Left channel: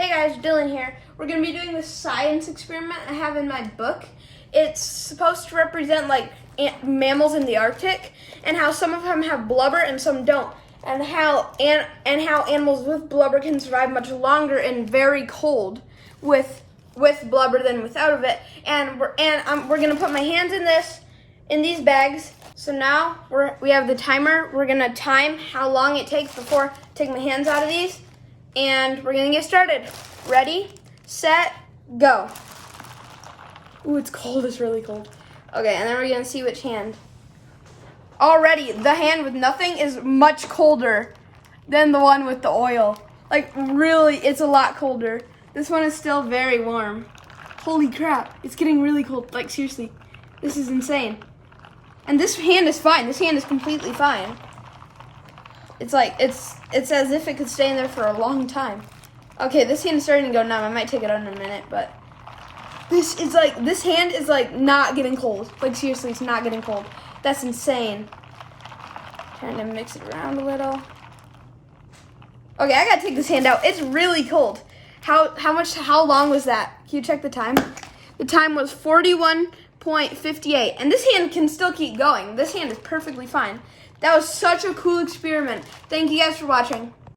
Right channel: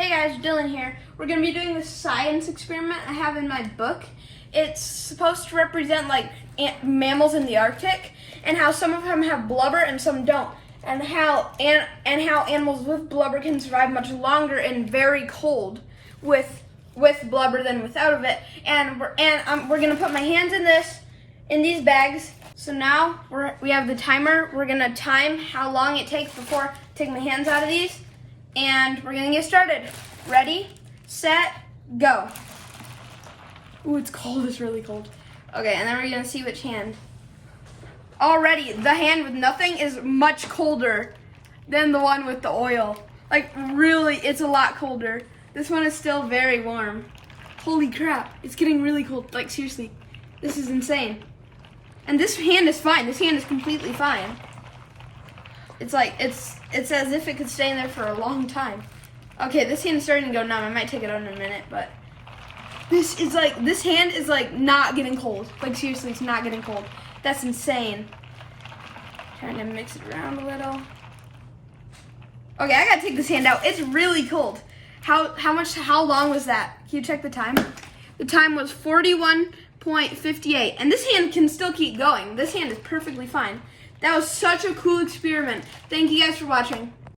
Hey guys, Dylan here. We're going to be doing this science experiment I have in my book. It's supposed to represent like mammals in the Arctic and how some of them have blubber and some don't. And how animals with blubber can survive much longer and very cold with blubber than without of it. And we're going to put my hands in these bags. So now we have the timer. We're going to time how long it takes before I take my hands out of these. And we're gonna get started. Ready, set, go. Ooh, it's cold, it's really cold. Okay, and then we're gonna see which hand. Already, the hand with nothing is much colder than the one with the oil. Like, really, it's a lot colder. This one is still very warm. Holy crap, it's getting really cold. Like, seriously, this is insane. And this hand is fine, this hand is completely fine. It's like, it's as if it could stay in there for a long time. Okay, this hand is starting to go numb. I might take it out in a minute, but this hand is like not getting cold. Like seriously, it's not getting cold. That's insane. Trying to mix it around a little. Okay, I gotta take this hand out. It's really cold. How long was that? Can you check the time? The time was 41.58. And this hand can still keep going. This hand is perfectly fine. That was such a cool experiment. Thank you guys for watching.